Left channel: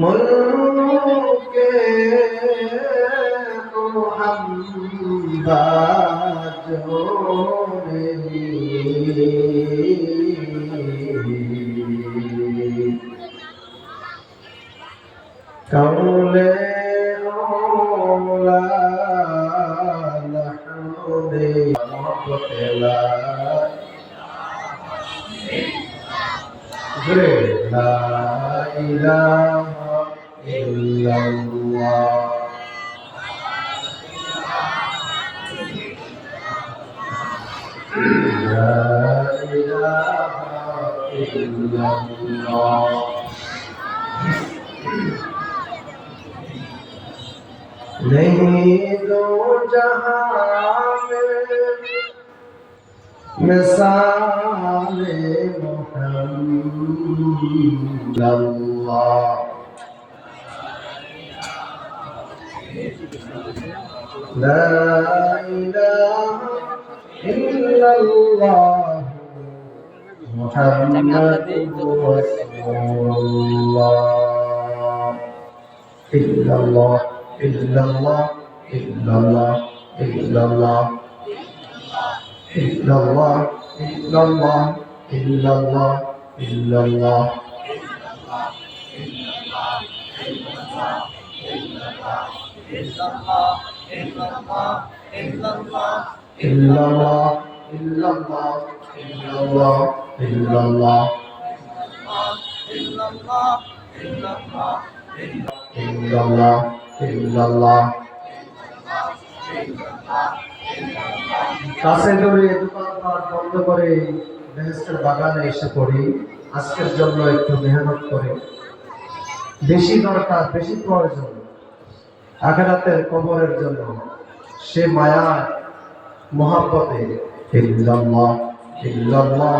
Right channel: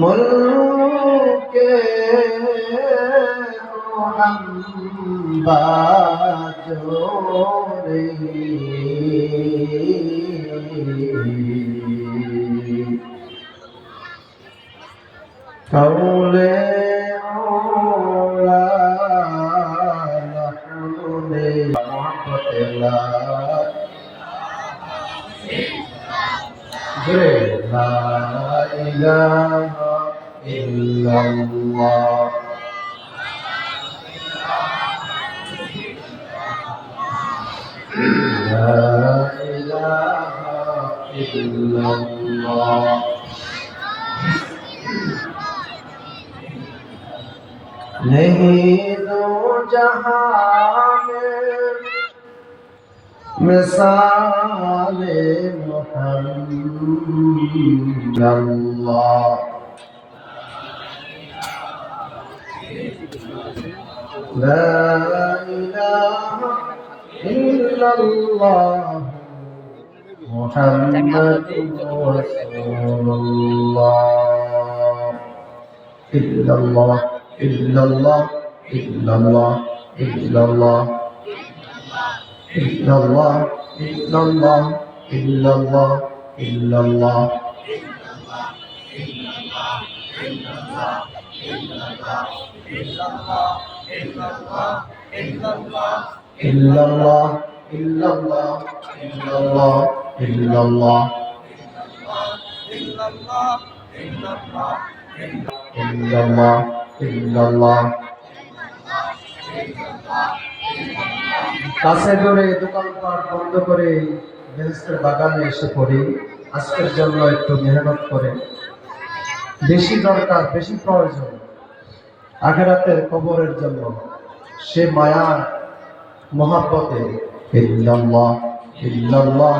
मुल्के तो हम बाजोरे कौले ओला लहने मोहब्बत ला ला इलाहा इल्लल्लाह ला इलाहा इल्लल्लाह नहीं दो जहां में मिसाले मुहम्मद अल्लाह ला इलाहा इल्लल्लाह मुहम्मदुर रसूलुल्लाह इल्लल्लाह इल्लल्लाह इल्लल्लाह इल्लल्लाह इल्लल्लाह इल्लल्लाह इल्लल्लाह इल्लल्लाह इल्लल्लाह इल्लल्लाह इल्लल्लाह इल्लल्लाह इल्लल्लाह इल्लल्लाह কাছে দূরে দোকানপাট বন্ধ করে বেহেশতের বাগানে এসে পড়ি আজকের জন্য একটু মেহনত করে বেশি দরকার বেশি প্রয়োজন আখিরাতের কবরের জন্য সে মায়া মহব্বতে ইল্লাল্লাহ ইল্লাল্লাহ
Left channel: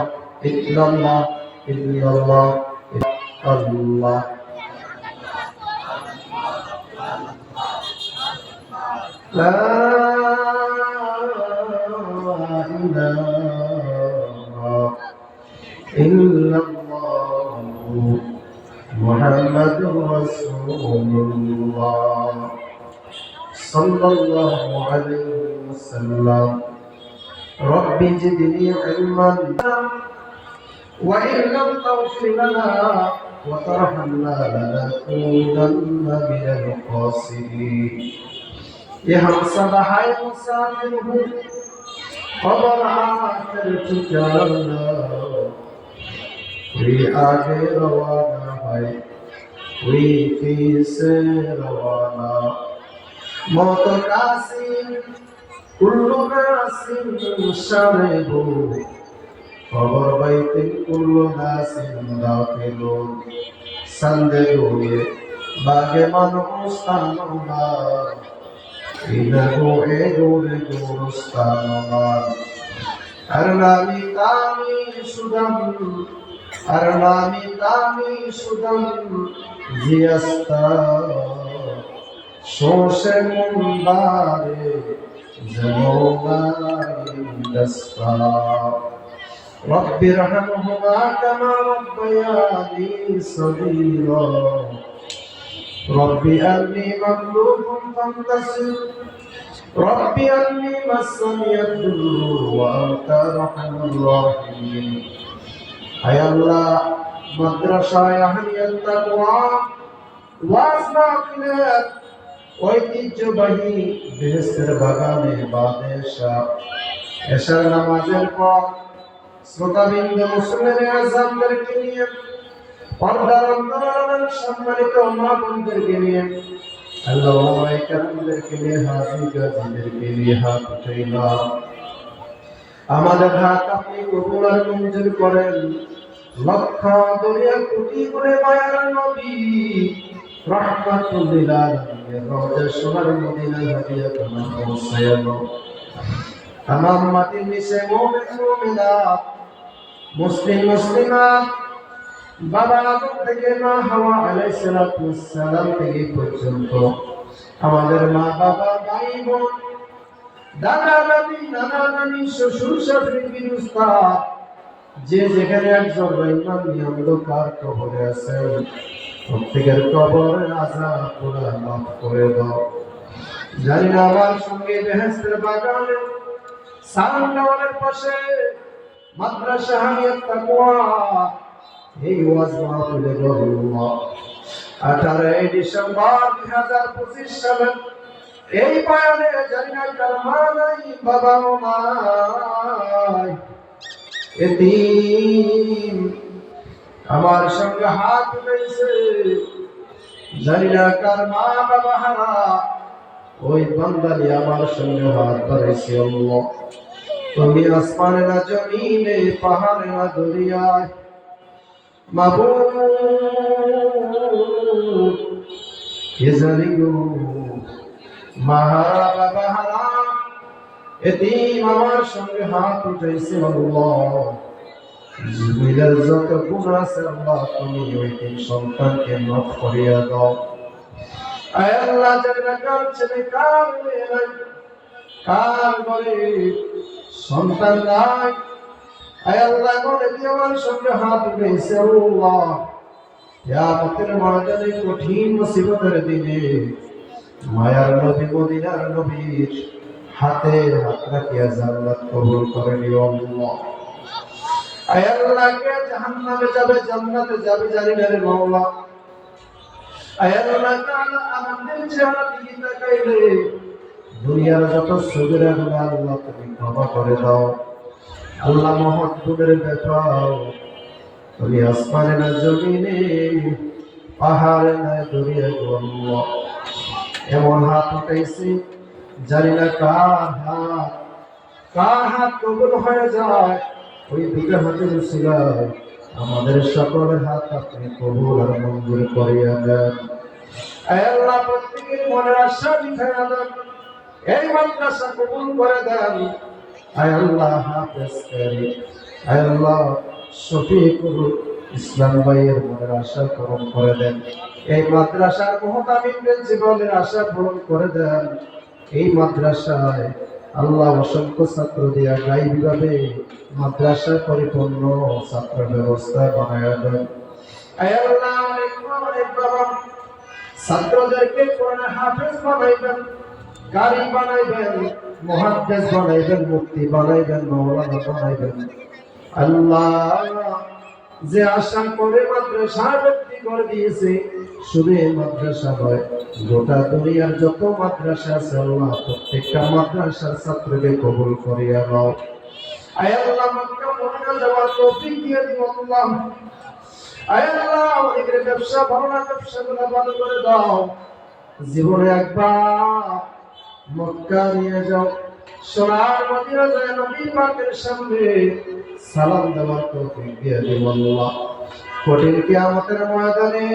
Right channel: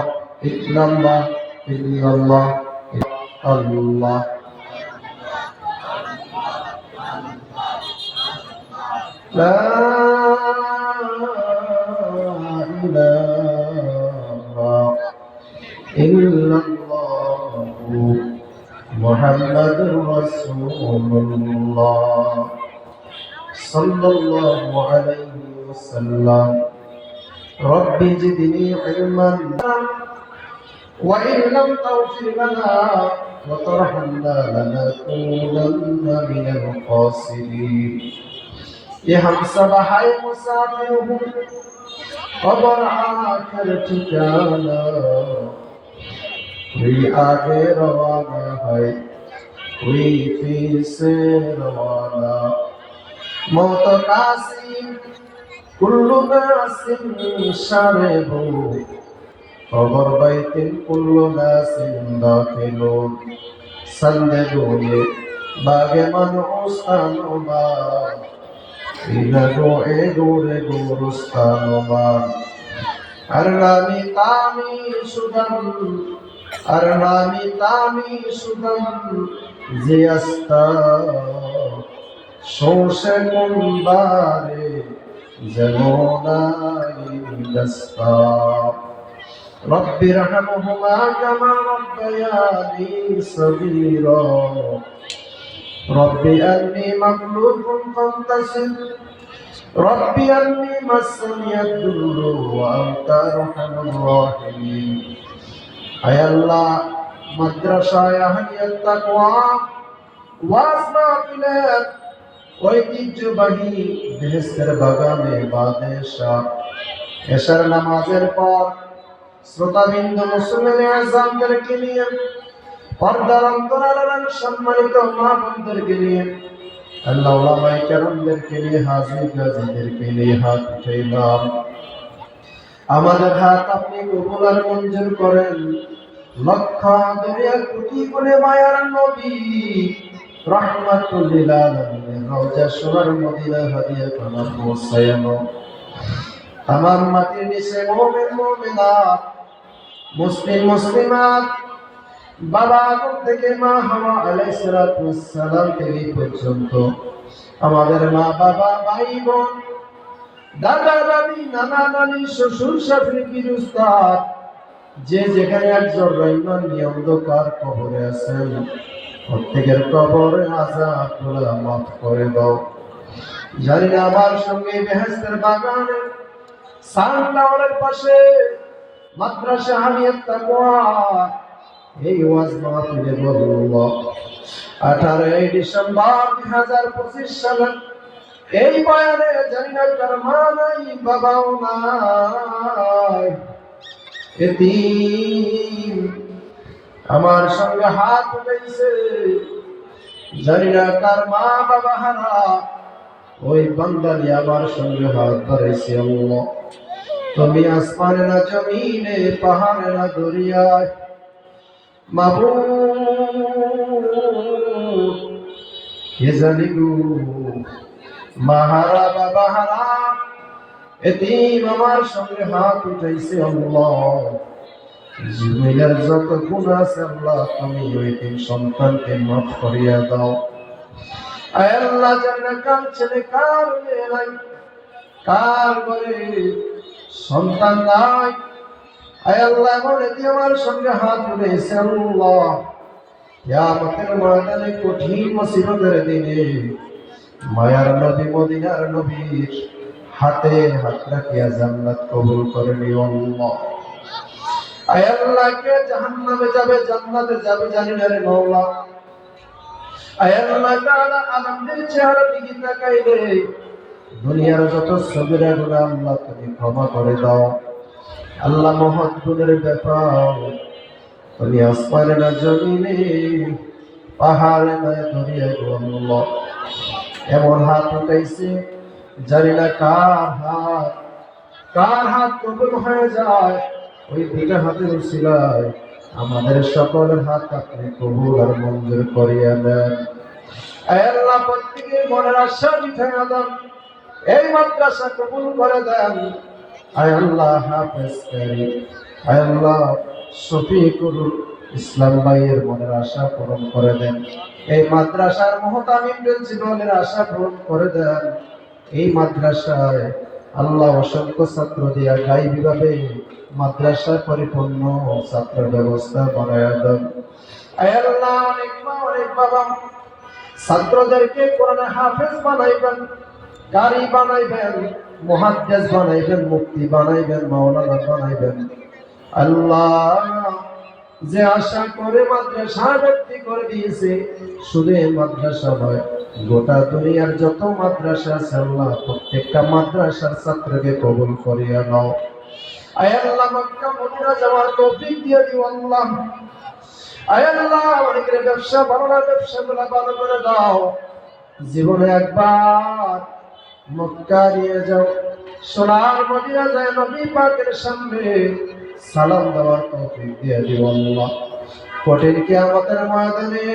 ইল্লাল্লাহ ইল্লাল্লাহ আল্লাহ লা ইলাহা ইল্লাল্লাহু মুহাম্মাদুর রাসূলুল্লাহ সাল্লাল্লাহু আলাইহি ওয়াসাল্লাম রব্বি জিদনি ইলমান ওয়া ইন লাম তাগফির লানা ওয়া তারহামনা লানাকুনান্না মিনাল খাসিরিন ये हम सब है मुसाफिर हूँ खबर आकर ठिकाना कोई आगे रवाना है कोई फिर से रवाना मौत नासिम कुल्लु नासिम शारे हो खबर बैतिन कुल्लु नासिम दाखिलुन संदे गोये बागे मनुस्तानुमा Inago egore gorustanoman Arnami tami sudam Ziyasta Shoshe kumbare Zemona indasta Rabbi rahamuhuma kama rabbayani saghira ربي أني مغلوب فانتصر ربي أني مسني الضر وأنت أرحم الراحمين أي الله مدرسة أهل التقوى واسمع إليك ঐতিহ্যবাহী বেহেশতের বাগানে বাদেশা এশার নামাজের পর শ্রোতাবিন্দু মুসলিম আযমদেরকে নিয়ে পর্দার অন্তরালের সম্মানিত মা বোনদেরকে নিয়ে আল্লাহ ওলামায়ে কেরামদেরকে নিয়ে হাজী গাজীদেরকে নিয়ে হাত উঠাইলাম আমাদের হাত আপনি কবুল আর মঞ্জুর করেন লক্ষ দরিয়া কোটি গুণে মায়ার নবী রাহমাতুল লিল আলামিন রওজা সোনার মদিনা হাদিয়া কোনা পৌঁছায়ানো तमाम মাটির নিচে মুমিন মুমিনাত মুসলিম মুসলিমাত বাবা আদম থেকে মা হাওয়া আলাইহিস সালাতু ওয়াস সালাম থেকে পর্যন্ত আমাদের মা বাবা ভাই বোন দাদা দাদি নানা নানি শ্বশুর শাশুড়ি পীর উস্তাদ যে যেখানে একজন ইমান নিয়ে অন্ধকার কবরে আছেন, প্রত্যেকের কবরে আযাব গুলা মাফ করে দাও। জানি না আমার সঙ্গে বেহেশতের বাগানে সানটাওয়ারের পাশে মাদ্রাসা হামিয়াত তাকওয়া এই ওয়াজ মাহফিলে বলল 18 ডিসেম্বর 2025 সালে এই বয়ানে জানি না কার মা নাই, বাবাও নাই, এতিম আমার সঙ্গে হাত উঠেছে, জানি না কার মা বাবা হারা, ওই বান্দালি আমার সঙ্গে হাত ধরেছে। আল্লাহ তুমি আসমানে না জমিনে, পাহাড়ে না দরিয়ায়, মাবুদ কে জানি গো, মাহারা বাবা হারা এতিম আমার সঙ্গে হাত উঠেছে। আল্লাহ জীবনের যত গুনাহ আছে আল্লাহ তুমি ওই তিন সন্তানকে মাফ করিয়া দাও। আয় আল্লাহ জানি না কার ছেলে কার মেয়ে নাই, কার ঘরে সন্তান নাই, আয় আল্লাহ বলে দিয়ে আমার সঙ্গে হাত উঠেছে। আল্লাহ কিয়ামতের ময়দানে কঠিন মুসিবতের দিনে মায়ার নবী মদিনার নবীর হাতে হাত রাখিয়া জান্নাত কবুল করে নিও আল্লাহ। আয় আল্লাহ কে জাহান্নামে যাবে জান্নাতে যাবে জানি না রে মাওলা। আয় আল্লাহ তাআলা আমাদের চেহারা দিকে তাকাইলে দুনিয়ার যত সগীরা গুনাহ আল্লাহ তুমি ক্ষমা করে দাও। আল্লাহ মহৎ গুণের ব্যাপার তুমি আসমানে না জমিনে, পাহাড়ে না দরিয়ায় গো আল্লাহ এমন হাত উঠাইছে জানি না কার হাত কবুল হয়ে যায়। ওই দুটো হাতের উসিলায় আমাদের সকলের হাত আপনি কবুল আর মঞ্জুর করিয়া দেন। আয় আল্লাহ প্রত্যেকের মনের আশা মিঠাইয়া দেন, এই মাদ্রাসা কবুল করে দেন। আয় আল্লাহ হাফেজ করি, আয় আল্লাহ শফিকুল ইসলাম ভাইয়ের মনের আশা পূরণ করে দেন। এই মাদ্রাসার মুহতামিম প্রিন্সিপালের আশা পূরণ করে দেন। এই মাদ্রাসায় আল্লাহ অসংখ্য ছাত্র দিয়া গাইবীভাবে মাদ্রাসায় পরিপূর্ণ ছাত্র ব্যবস্থা বানায়া দেন। আয় আল্লাহ অনেক মা অনেক বাবা ছাত্রদেরকে কোরআনে হাফেজ বানাইবেন, কারি বানাইবেন, মুহাদ্দিস বানাইবেন, মুফতি বানাইবেন, মাওলানা বানাইবেন। আল্লাহ যে আশা করে মাদ্রাসা ভর্তি করে দিয়েছে, শুধু এই মাদ্রাসা নয় গোটা দুনিয়ার যত মাদ্রাসা আছে আল্লাহ প্রত্যেকটা মাদ্রাসার ছাত্রকে কবুল করিয়া নাও। আয় আল্লাহ মক্কা মদিনা যাওয়ার তৌফিক দিয়ে দিও আল্লাহ। আয় আল্লাহ অনেকের ব্যবসা ভালো না, ব্যবসাগুলো ভালো করে দাও। জীবনে একবার মক্কা নিয়ে যাও, সোনার মদিনা যায় নবী পাকের সামনে সালাম দেওয়ার তৌফিক দিয়ে দিও আল্লাহ। কঠিন কিয়ামতের ময়দানে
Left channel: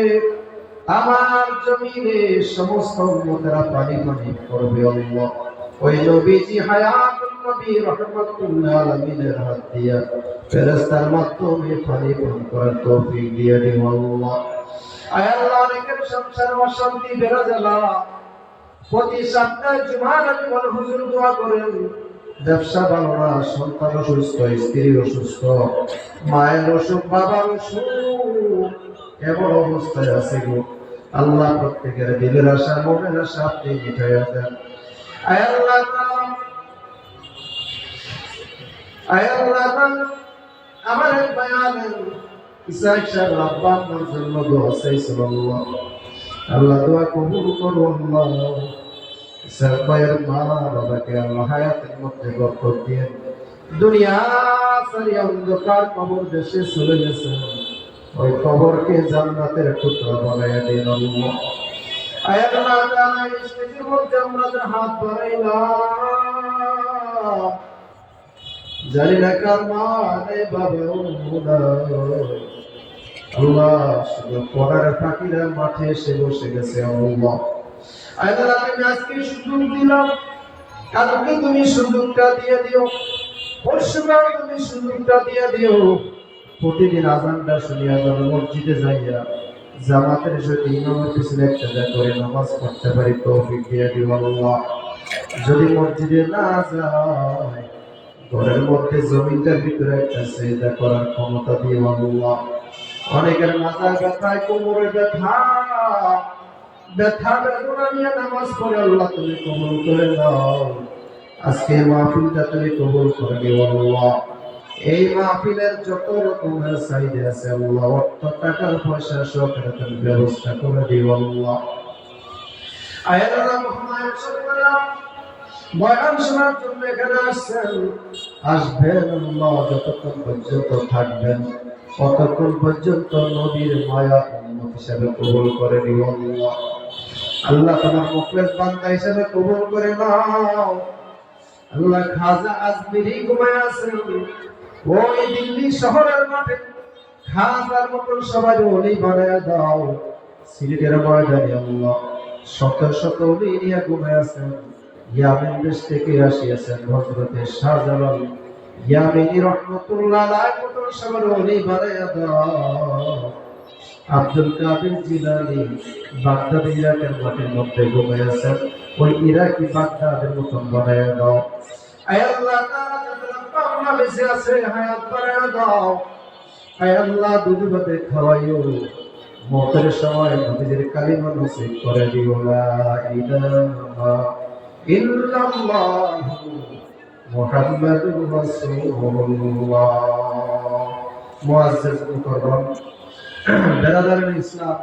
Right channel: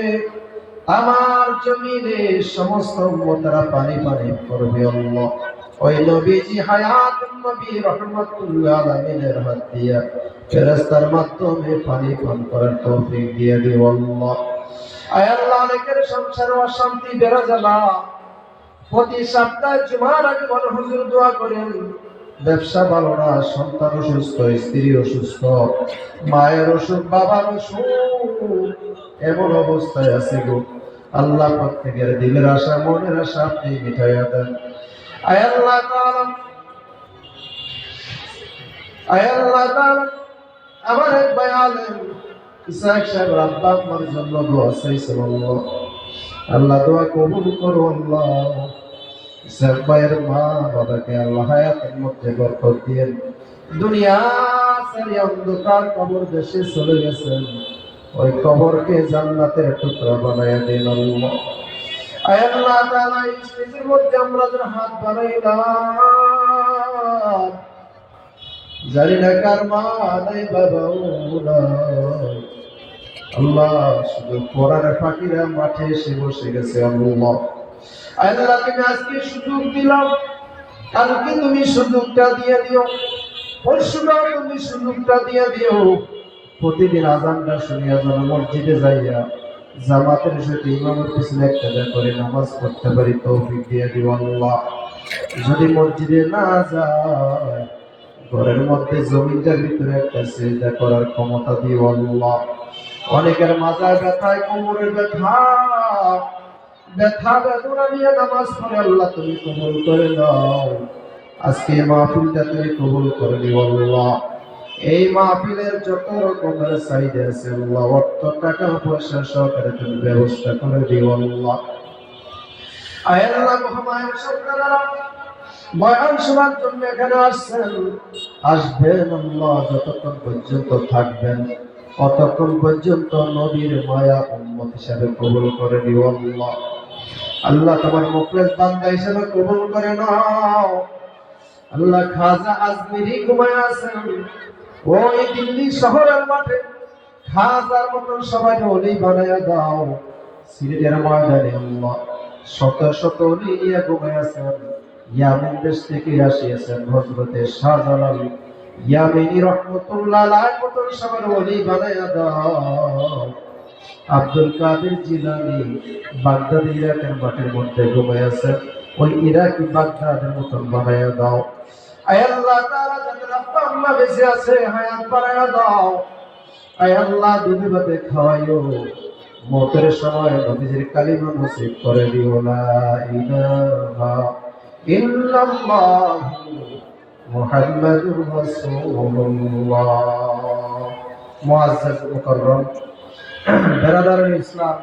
আমার জমিনে সমস্ত উম্মতেরা পানি পানি করবে আল্লাহ। ওই নবীজি হায়াতুন নবী রাহমাতুল্লাহ আলামিনের হাত দিয়া ফেরেশতার মাধ্যমে পানি পান করার তৌফিক দিয়ে দিও আল্লাহ। আয় আল্লাহ অনেকের সংসারে অশান্তি বেড়ে জ্বালা, প্রতি সপ্তাহে জুমার আগে বলে হুজুর দোয়া করেন, ব্যবসা ভালো না, সন্তান অসুস্থ, স্ত্রী অসুস্থ, মায়ের অসুখ, বাবার অসুখ, এমন অবস্থায় আছে গো আল্লাহ প্রত্যেকের দিলের আশা মনের আশা আপনি মিটাইয়া দেন। আয় আল্লাহ তাআলা আমার এক ভাই আলেম ইসহাক সাহেব আব্বা আম্মার জন্য দোয়া চাইছিল আল্লাহ। আল্লাহ দোয়া কবুল করো আল্লাহ। ইসহাক ভাইয়ের মা বাবাকে আল্লাহ হায়াতের মধ্যে বরকত দিয়েন। দুনিয়া সারি অন্ধকার কবর দেশে চলে গেছেন, ওই কবরকে জান্নাতের টুকরা বানাইয়া দিন আল্লাহ। আয় আল্লাহ তাআলা এই স্টেজের মধ্যে আমরা যে হাত বাড়াইলাম, জানি না কার মা নাই বাবাও নাই, আল্লাহ শুধু পড়ার ফাঁকিরা মাঠে এসে বসে গেছে আল্লাহ। আল্লাহ তুমি আজকে সুযোগ দিলাম, কালকে তুমি সুযোগটা দিয়ে দিও, পরশুকাল তুমি সুযোগটা দিয়ে দিও। প্রতিদিন আজানটা শুনিয়া যেন মসজিদে যাইয়া জামাতের সাথে ইমামের পিছনে একটা করে নামাজ পড়তে পারি তৌফিক দিয়ে দিও আল্লাহ। যদি মসজিদে না যায় ঘরের মধ্যে জমিনটার ভিতরে একটা সিজদা করার ক্ষমতা দিও আল্লাহ। অনেকের মাথায় ব্যথায়, কোমরে ব্যথা, ব্যথা বেদনা নিয়ে নামাজ পড়ে, আল্লাহ তুমি কবুল করে দাও। আজকে মাহফিলটা তুমি কবুল করে দিও আল্লাহ। এই মাহফিলের যত রকমের সাইডে আছে আল্লাহ, অর্থ টাকা পয়সা সহকারে তুমি ব্যবস্থা করে দিও আল্লাহ। আয় আল্লাহ, মহামায়ের সন্তানেরা বয়ান শোনার জন্য এখানে আসবেন আল্লাহ, যতক্ষণ পর্যন্ত থাকবেন ততক্ষণ পর্যন্ত নবীর মায়া উম্মত হিসাবে কবুল করে নিও আল্লাহ। আল্লাহ তোমার মুখলেস বান্দা হিসাবে কবুল করে নাও আল্লাহ। খাজা আজমিরি ঘুমায় আছেন ওই দিল্লি শহরের মাঠে, খাজার মতন সবাই ওলি বানায় দাও। সিলেটের ময়দানে আল্লাহ শত শত ওলি নিয়ে ঘুমায় আছেন। ইয়ামেন দেশ থেকে আসিয়াছেন হযরতে শাহজালাল ইয়ামেনি রহমতুল্লাহ আলাইহির মতন সবার ওলি বানায়া দাও। আব্দুল কাদের জিলানী বাগদাদ ইরাকের মাঠের মধ্যে ঘুমায় আছেন, ওই ইরাকি বাগদাদের মতন বানায়া দাও। আয় আল্লাহ, তারা যাদের আব্বা আম্মা বেঁচে আছে হায়াত বাড়ায়া দাও। আয় আল্লাহ, দুধ ভাতে খাওয়াইও, মতের সময় নবীজির কালিমা নসিব করে দিও। লা ইলাহা ইল্লাল্লাহ মুহাম্মাদুর রাসূলুল্লাহ। মুআজ্জাজ মুকাররম বেরাদার ইসলাম,